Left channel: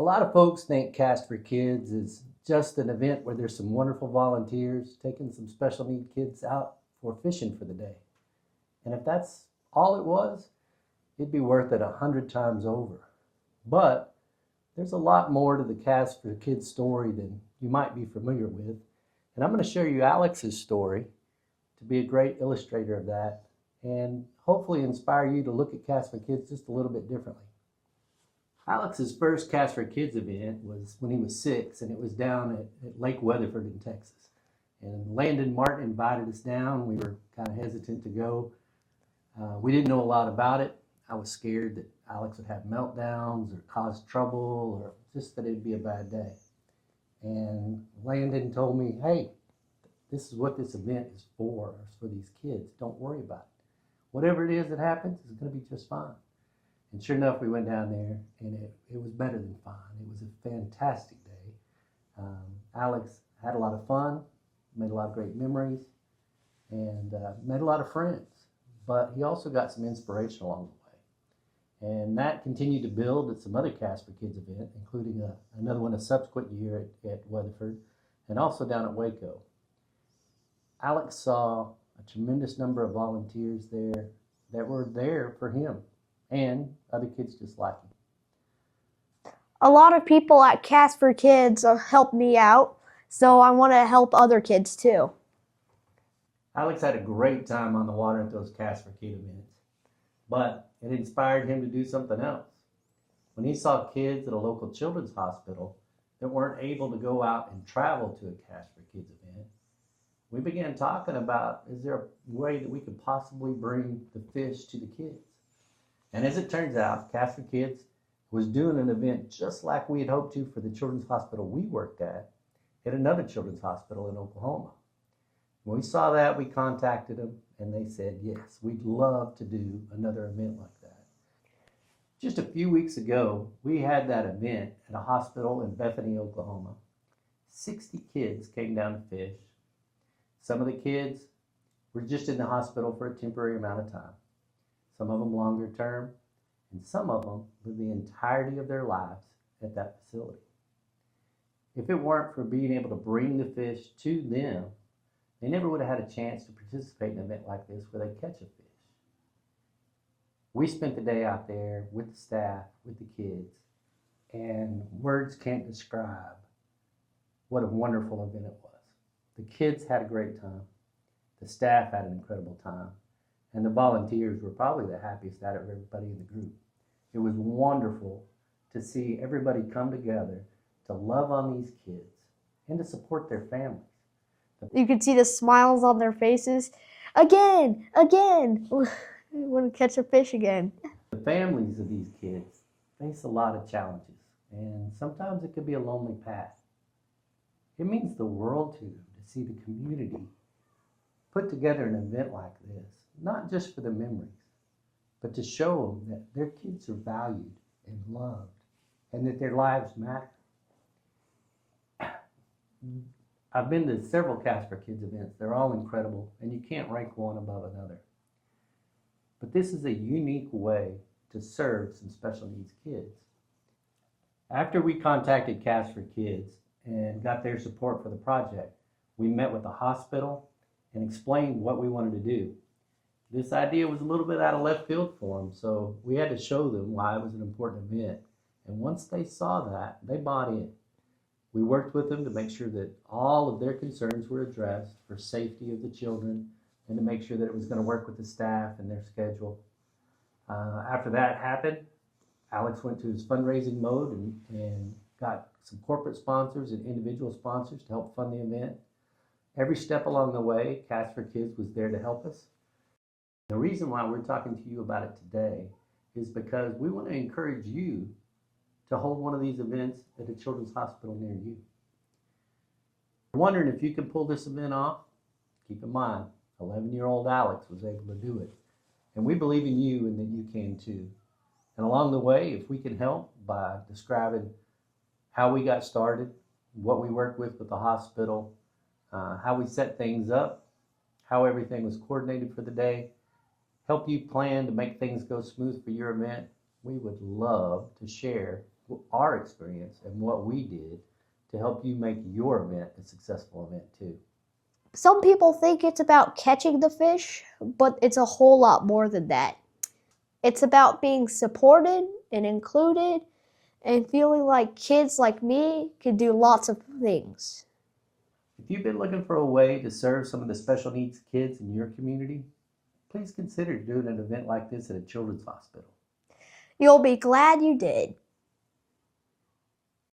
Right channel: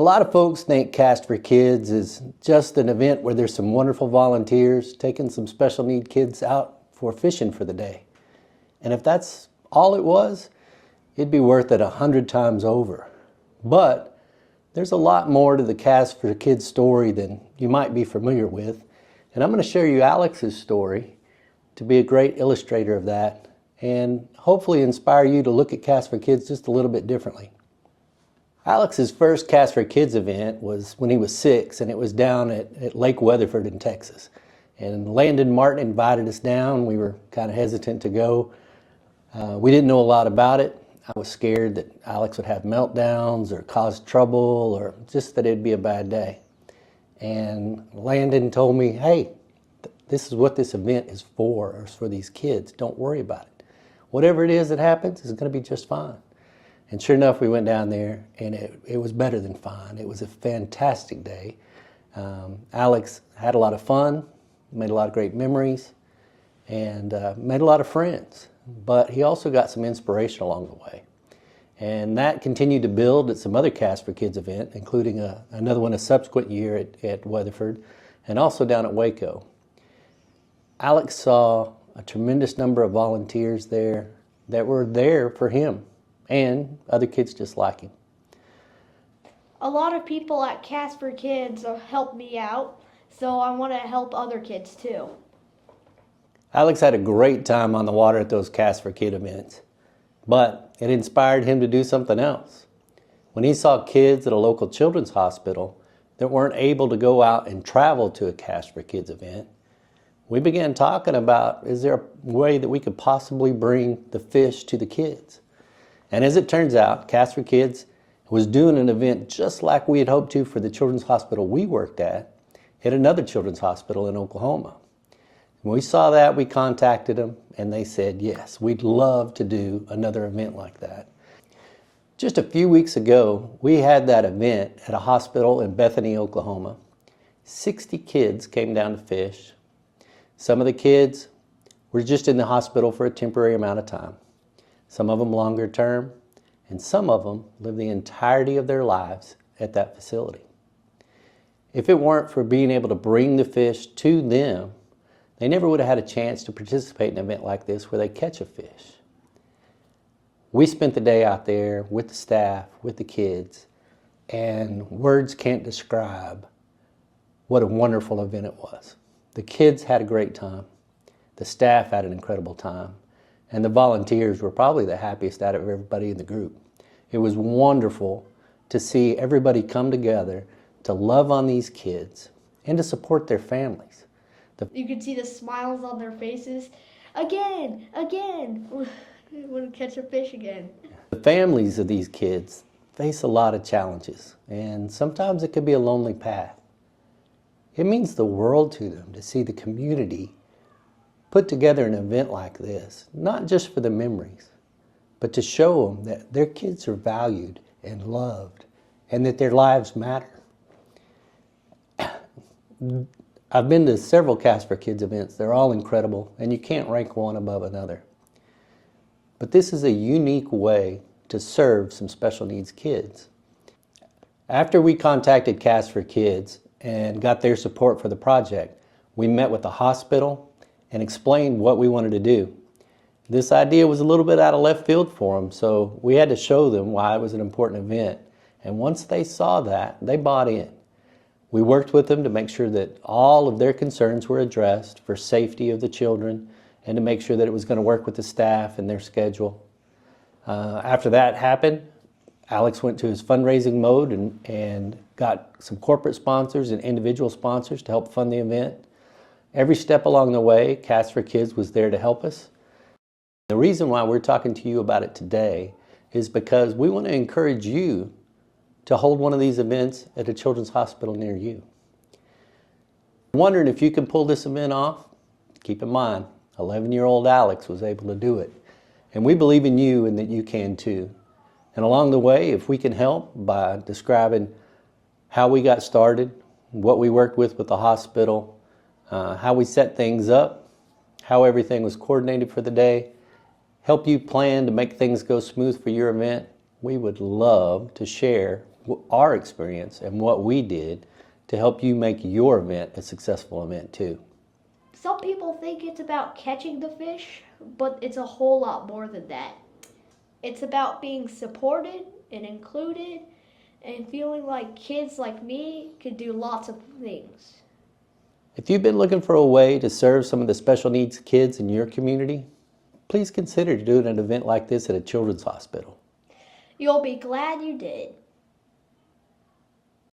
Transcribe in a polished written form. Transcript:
A lot of folks think Cast for Kids is just an event where there's some wonderful volunteers taking some special need kids out for fishing for the day. And if that's all it was, it'd be worth it 100 times over. But there's a lot more to the Cast for Kids story than you might be familiar with. And I'm going to share you Alex's story to be a great illustrator of that and hopefully inspire you to look at Cast for Kids just a little bit differently. Alex's first Cast for Kids event was when he was 6, and it was down at Lake Weatherford in Texas. And Landon Martin invited us down. We were kind of hesitant to go. We didn't know a lot about it. I was scared that Alex would have meltdowns or cause trouble or just that it'd be a bad day. And Landon told me, hey, this is what this event is for, or it's for these kids. Don't worry about it. Whatever it is that happens is going to be just fine. And sure enough, we went down there, and it was better than fine. It was a fantastic day. Alex had a lot of fun, made a lot of great memories, and made a lot of friends. But he also got some inspiration along the way. And that continued to build at some other Cast for Kids event, including another one a subsequent year at Weatherford, and also down at Waco. Alex saw a tremendous number of volunteers there that were there for him and other kids just like him. A lot of people at Cast for Kids helped me out, so I want to help other kids too. Alex had a great time on the water at those Cast for Kids events, but it inspired him to do something else. When he saw kids at a local children's hospital that weren't able to go out and travel to a Cast for Kids event, we began talking about, is there a way that we could possibly bring the fish to the kids? And as it turns out, Cast for Kids was doing an event just like we had hoped to for the children's hospital we worked at another children's hospital in Oklahoma. When we saw that, we contacted them, and they said, yes, we'd love to do another event like that. Just a few weeks ago, we had that event at a hospital in Bethany, Oklahoma. 60 kids came down to fish. Some of the kids were just in the hospital for a temporary amount of time. Some of them longer term, and some of them live the entirety of their lives at that facility. If it weren't for being able to bring the fish to them, they never would have had a chance to participate in an event like this where they catch a fish. We spent the day out there with the staff, with the kids, and words can't describe what a wonderful event it was. The kids had a great time. The staff had an incredible time. And the volunteers were probably the happiest out of everybody in the group. It was wonderful to see everybody come together to love on these kids and to support their families. You could see the smiles on their faces. Again. I want to catch a fish again. The families of these kids face a lot of challenges, and sometimes it could be a lonely path. It means the world to them to see the community put together an event like this, not just for the memories, but to show them that their kids are valued and loved and that their lives matter. I've been to several Cast for Kids events. They're all incredible, and you can't rank one above another. But this is a unique way to serve some special needs kids. After we contacted Cast for Kids and got their support for the project, we met with the hospital and explained what we wanted to do. This idea was a little bit out of left field for them, so we had to show them why it was an important event. And once they saw that, they bought in. We worked with them to make sure that all of their concerns were addressed for safety of the children and to make sure that it was going to work with the staff and their schedule. After that happened, Alex went to his fundraising mode and got some corporate sponsors and individual sponsors to help fund the event. Every step along the way, Cast for Kids was there to help us. The reason why we're talking to you about it today is because we want to encourage you to hold one of these events at a children's hospital near you. I'm wondering if you can pull this event off. Keep in mind, 11-year-old Alex was able to do it. And we believe in you and that you can too. And along the way, if we can help by describing how we got started, what we worked with the hospital, how we set things up, how everything was coordinated for the day, help you plan to make things go smooth for your event, we would love to share our experience and what we did to help you make your event a successful event too. Some people think it's about catching the fish, but it's a whole lot more than that. It's about being supported and included and feeling like kids like me can do lots of things. If you've been looking for a way to serve some of the special needs kids in your community, please consider doing an event like this at a children's hospital. You'll be glad you did.